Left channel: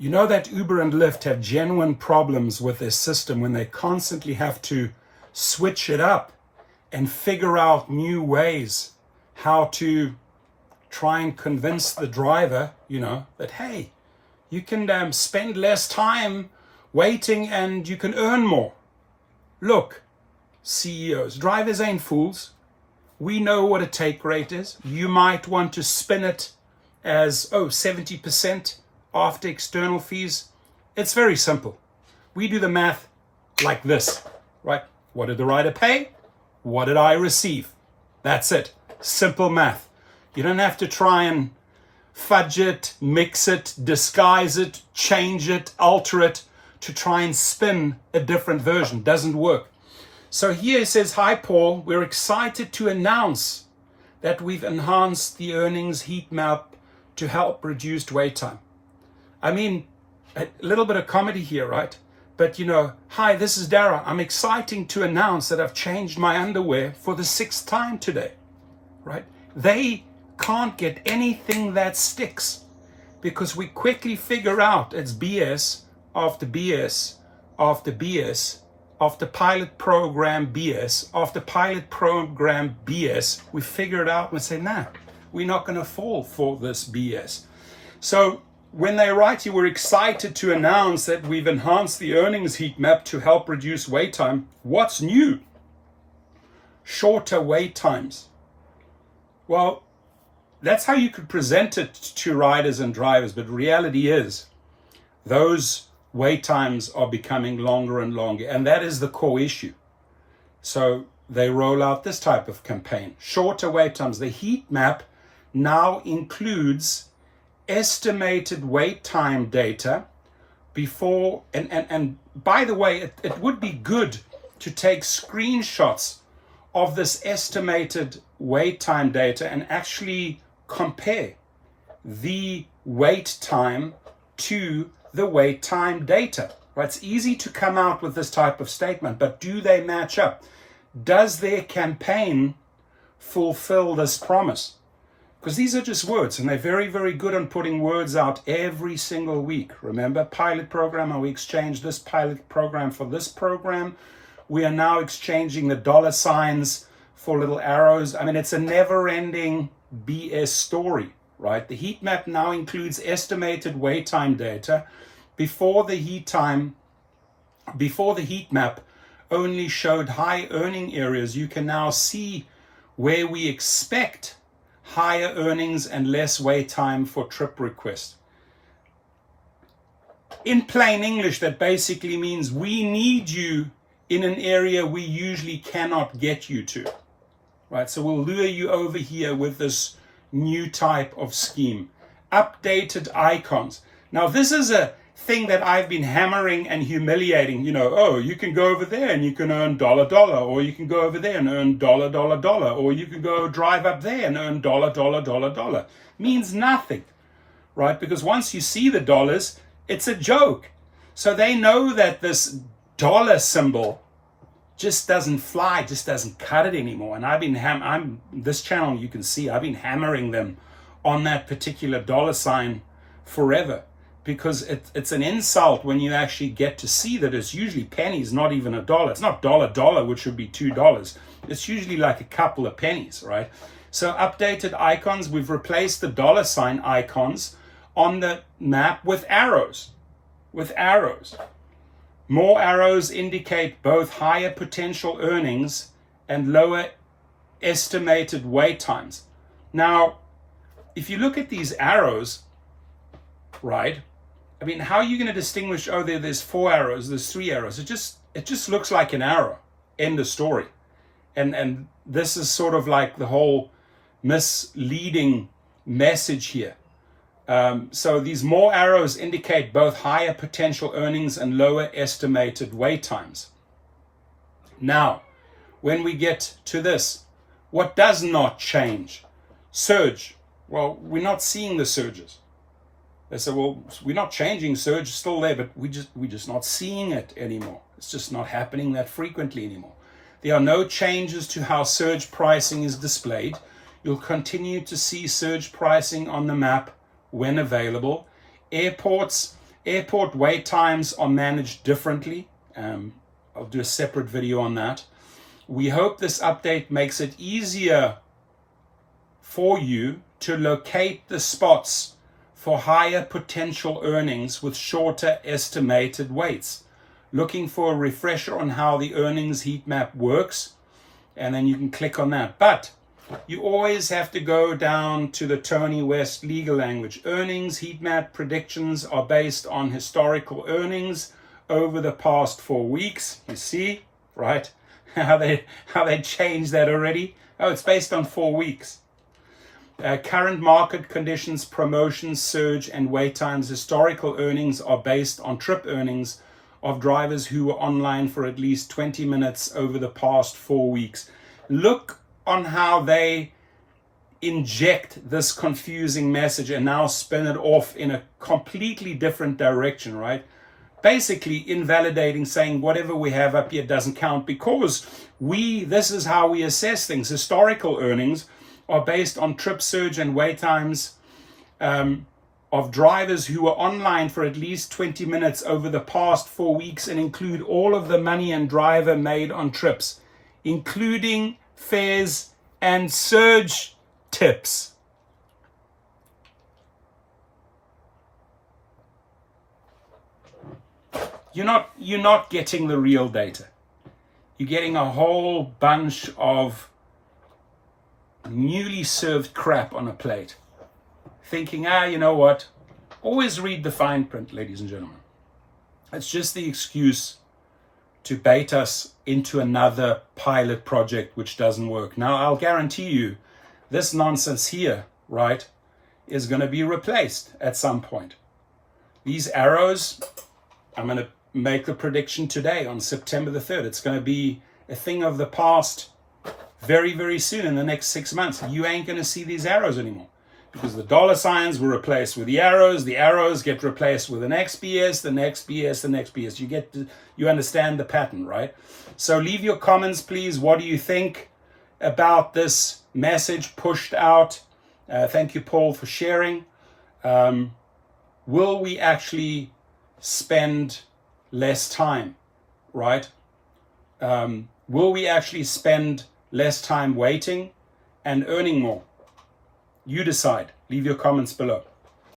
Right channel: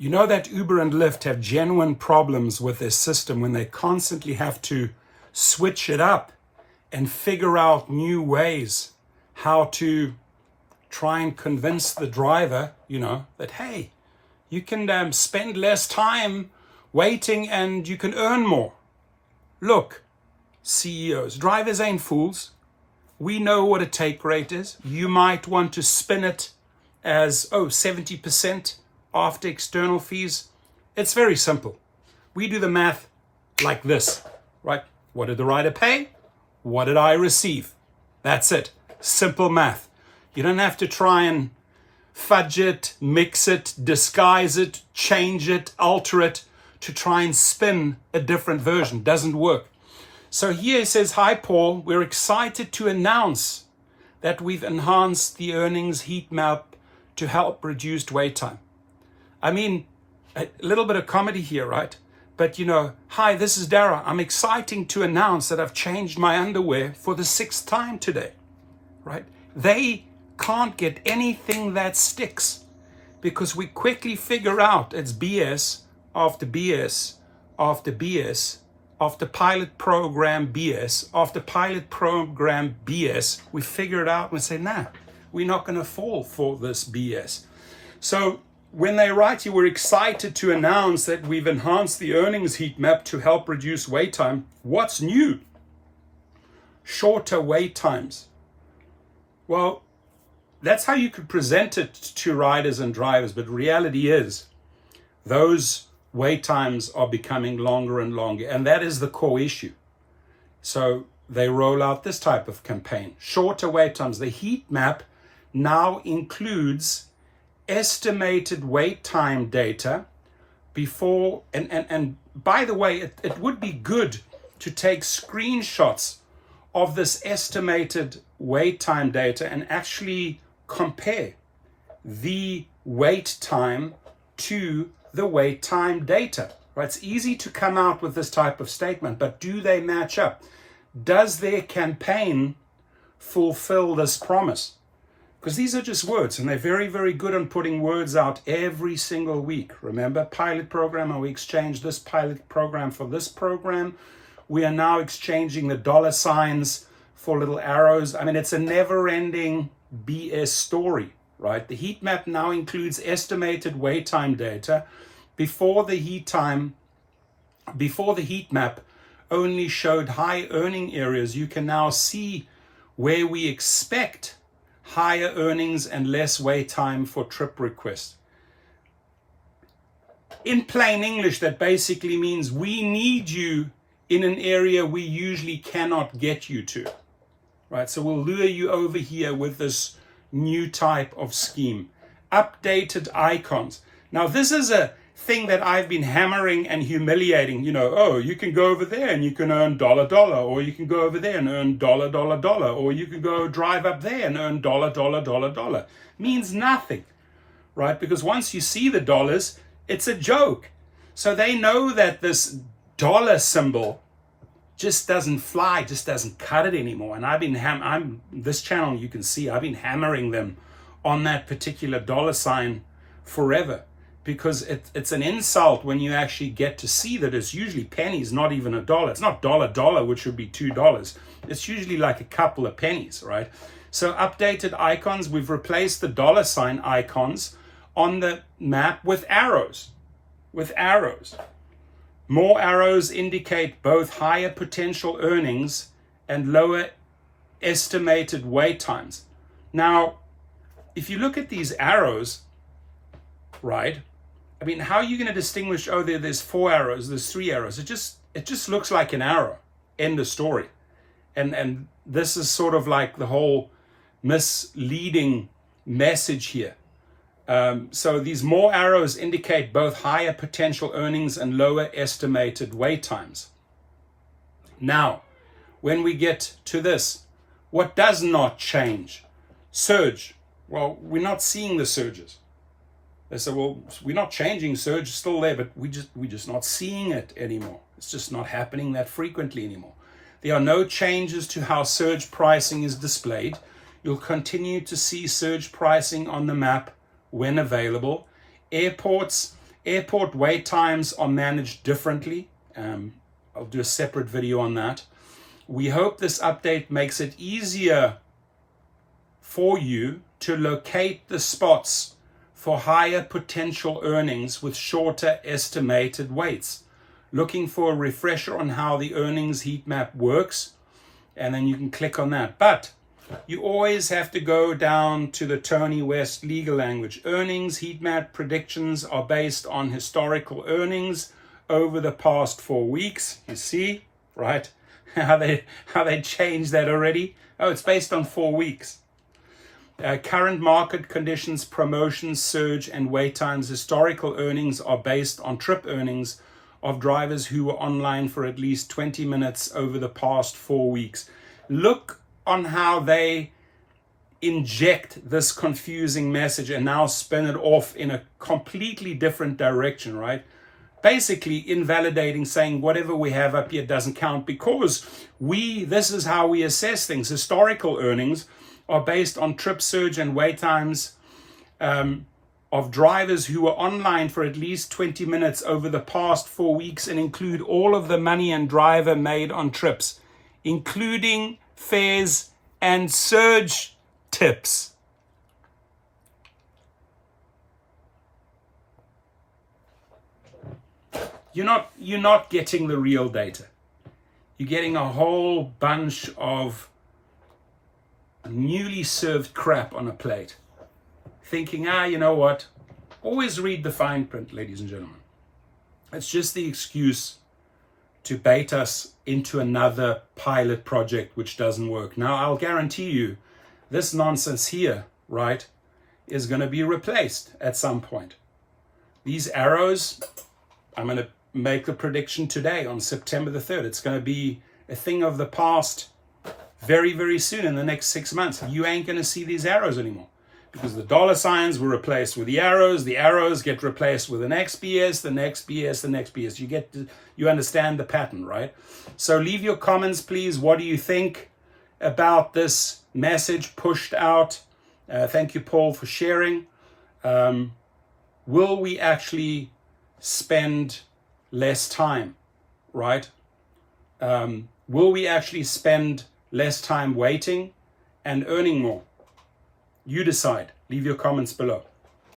You know that Uber and Lyft have genuine problems with their system when they constantly have to switch it up and figure out new ways how to try and convince the driver, that, hey, you can spend less time waiting and you can earn more. Look, CEOs, drivers ain't fools. We know what a take rate is. You might want to spin it as, 70% after external fees. It's very simple. We do the math like this, right? What did the rider pay? What did I receive? That's it. Simple math. You don't have to try and fudge it, mix it, disguise it, change it, alter it to try and spin a different version. Doesn't work. So here it says, hi, Paul, we're excited to announce that we've enhanced the earnings heat map to help reduce wait time. I mean, a little bit of comedy here, right? But hi, this is Dara. I'm excited to announce that I've changed my underwear for the 6th time today, right? They can't get anything that sticks because we quickly figure out it's BS after BS after BS after pilot program BS after pilot program BS. We figure it out and say, nah, we're not going to fall for this BS. So when they write you, we're excited to announce that we've enhanced the earnings heat map to help reduce wait time. What's new? Shorter wait times. Well, that's how you could present it to riders and drivers, but reality is those wait times are becoming longer and longer, and that is the core issue. So they roll out this type of campaign. Shorter wait times. The heat map now includes estimated wait time data before, and by the way, it would be good to take screenshots of this estimated wait time data and actually compare the wait time to the wait time data. Right? It's easy to come out with this type of statement, but do they match up? Does their campaign fulfill this promise? Because these are just words, and they're very, very good on putting words out every single week. Remember, pilot program, we exchanged this pilot program for this program. We are now exchanging the dollar signs for little arrows. I mean, it's a never-ending BS story, right? The heat map now includes estimated wait time data. Before the heat map only showed high earning areas, you can now see where we expect higher earnings and less wait time for trip requests. In plain English, that basically means we need you in an area we usually cannot get you to, right? So we'll lure you over here with this new type of scheme. Updated icons. Now, this is a thing that I've been hammering and humiliating. You can go over there and you can earn $, or you can go over there and earn $, or you can go drive up there and earn $. Means nothing, right? Because once you see the dollars, it's a joke. So they know that this dollar symbol just doesn't fly, just doesn't cut it anymore. And I've been this channel, you can see, I've been hammering them on that particular dollar sign forever. Because it's an insult when you actually get to see that it's usually pennies, not even $1. It's not $, which would be $2. It's usually like a couple of pennies, right? So updated icons, we've replaced the dollar sign icons on the map with arrows. More arrows indicate both higher potential earnings and lower estimated wait times. Now, if you look at these arrows, right? I mean, how are you going to distinguish, there's 4 arrows, there's 3 arrows? It just looks like an arrow. End of story. And this is sort of like the whole misleading message here. So these more arrows indicate both higher potential earnings and lower estimated wait times. Now, when we get to this, what does not change? Surge. Well, we're not seeing the surges. They say, well, we're not changing surge, it's still there, but we're just not seeing it anymore. It's just not happening that frequently anymore. There are no changes to how surge pricing is displayed. You'll continue to see surge pricing on the map when available. Airports Airport wait times are managed differently. I'll do a separate video on that. We hope this update makes it easier for you to locate the spots for higher potential earnings with shorter estimated waits. Looking for a refresher on how the earnings heat map works, and then you can click on that. But you always have to go down to the Tony West legal language. Earnings heat map predictions are based on historical earnings over the past 4 weeks. You see, right? How they changed that already. Oh, it's based on 4 weeks. Current market conditions, promotions, surge, and wait times. Historical earnings are based on trip earnings of drivers who were online for at least 20 minutes over the past 4 weeks. Look on how they inject this confusing message and now spin it off in a completely different direction, right? Basically invalidating, saying whatever we have up here doesn't count, because this is how we assess things. Historical earnings are based on trip surge and wait times of drivers who were online for at least 20 minutes over the past 4 weeks, and include all of the money and driver made on trips, including fares and surge tips. You're not getting the real data. You're getting a whole bunch of newly served crap on a plate, thinking, you know what? Always read the fine print, ladies and gentlemen. It's just the excuse to bait us into another pilot project which doesn't work. Now, I'll guarantee you, this nonsense here, right, is going to be replaced at some point. These arrows, I'm going to make the prediction today on September the 3rd. It's going to be a thing of the past very, very soon, in the next 6 months. You ain't going to see these arrows anymore, because the dollar signs were replaced with the arrows get replaced with the next BS, the next BS, the next BS. You understand the pattern, right? So leave your comments, please. What do you think about this message pushed out? Thank you, Paul, for sharing. Will we actually spend less time, right? Will we actually spend less time waiting and earning more? You decide. Leave your comments below.